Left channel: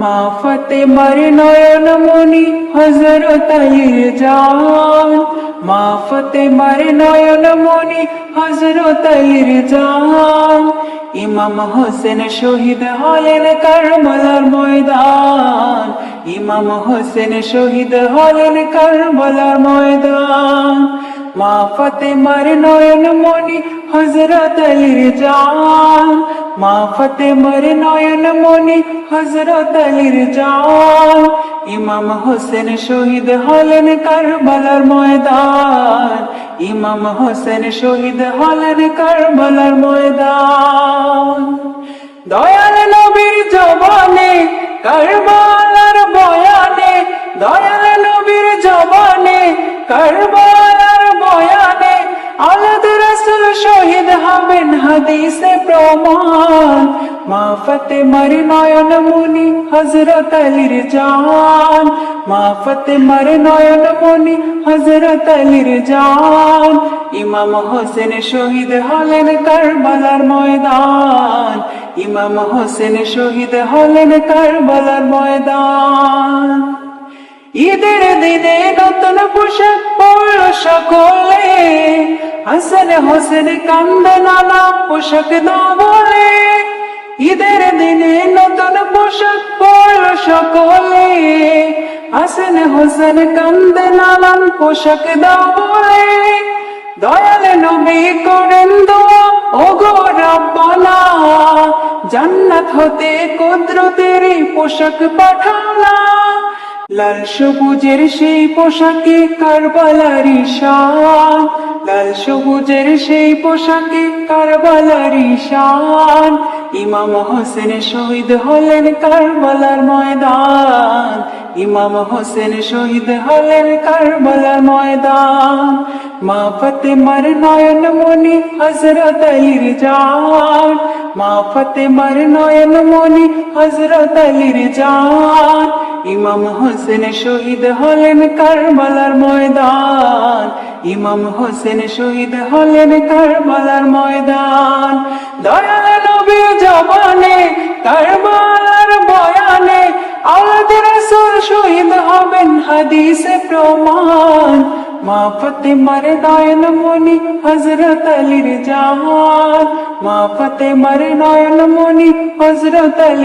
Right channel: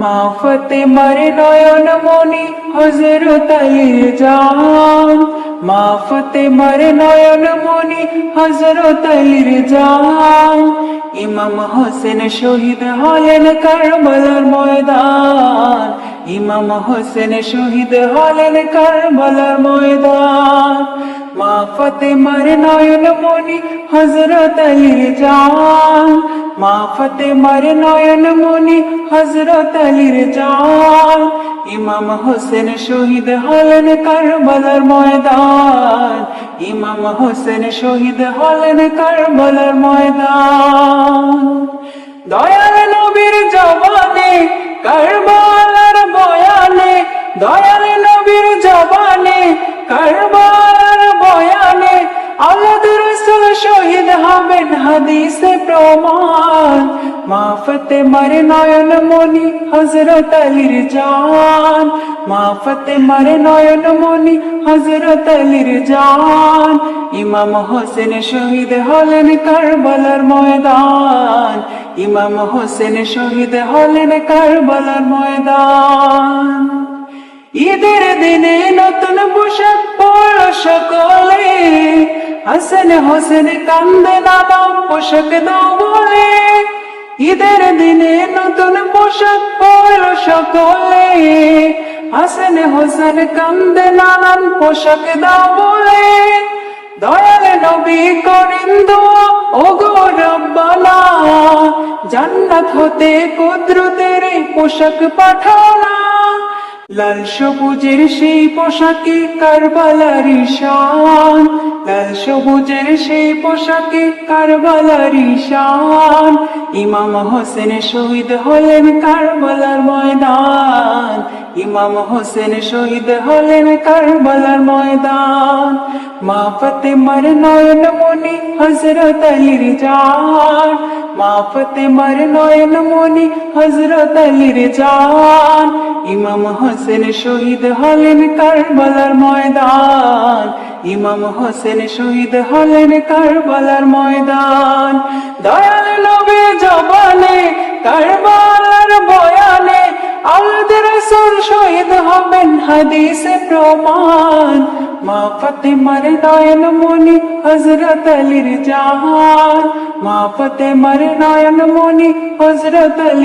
মা ফাতেমার নয়ন মনি হযরত আলীর জান, মা ফাতেমার নয়ন মনি হযরত আলীর জান। ইমাম হোসেন শহীদ হলেন কারবালার ময়দান, ইমাম হোসেন শহীদ হলেন কারবালার ময়দান। মা ফাতেমার নয়ন মনি হযরত আলীর জান, মা ফাতেমার নয়ন মনি হযরত আলীর জান। ইমাম হোসেন শহীদ হলেন কারবালার ময়দান, ইমাম হোসেন শহীদ হলেন কারবালার ময়দান। দয়াল নবীর জবানে কারবালার বয়ানে, দয়াল নবীর জবানে কারবালার বয়ানে আলাদ রাসূল শহীদ হবেন হাদিসে প্রমাণ। মা ফাতেমার নয়ন মনি হযরত আলীর জান, মা ফাতেমার নয়ন মনি হযরত আলীর জান। ইমাম হোসেন শহীদ হলেন কারবালার ময়দান, ইমাম হোসেন শহীদ হলেন কারবালার ময়দান। ঈদের দিনে নতুন পোশাক পরল সকলে, হাসান হোসেন কান্দে নানা পোশাক দাও বলে। ঈদের দিনে নতুন পোশাক পরল সকলে, হাসান হোসেন কান্দে নানান পোশাক দাও বলে। দয়াল নবী করেন দোয়া ওগো রব্বানা, জান্নাত হতে কুদরতের পোশাক পাঠাও না। লাল সবুজের সেই পোশাকে কারবালার ঈশান, লাল সবুজের সেই পোশাকে কারবালার ঈশান। ইমাম হোসেন শহীদ হলেন কারবালার ময়দান, ইমাম হোসেন শহীদ হলেন কারবালার ময়দান। মা ফাতেমার নয়ন মনি হযরত আলীর জান, মা ফাতেমার নয়ন মনি হযরত আলীর জান। ইমাম হোসেন শহীদ হলেন কারবালার ময়দান, ইমাম হোসেন শহীদ হলেন কারবালার ময়দান। দয়াল নবী জবানে কারবালার বয়ানে আলাদ রাসূল শহীদ হবেন হাদিসে প্রমাণ। মা ফাতেমার নয়ন মনি হযরত আলীর জান, মা ফাতেমার নয়ন মনি হযরত আলী।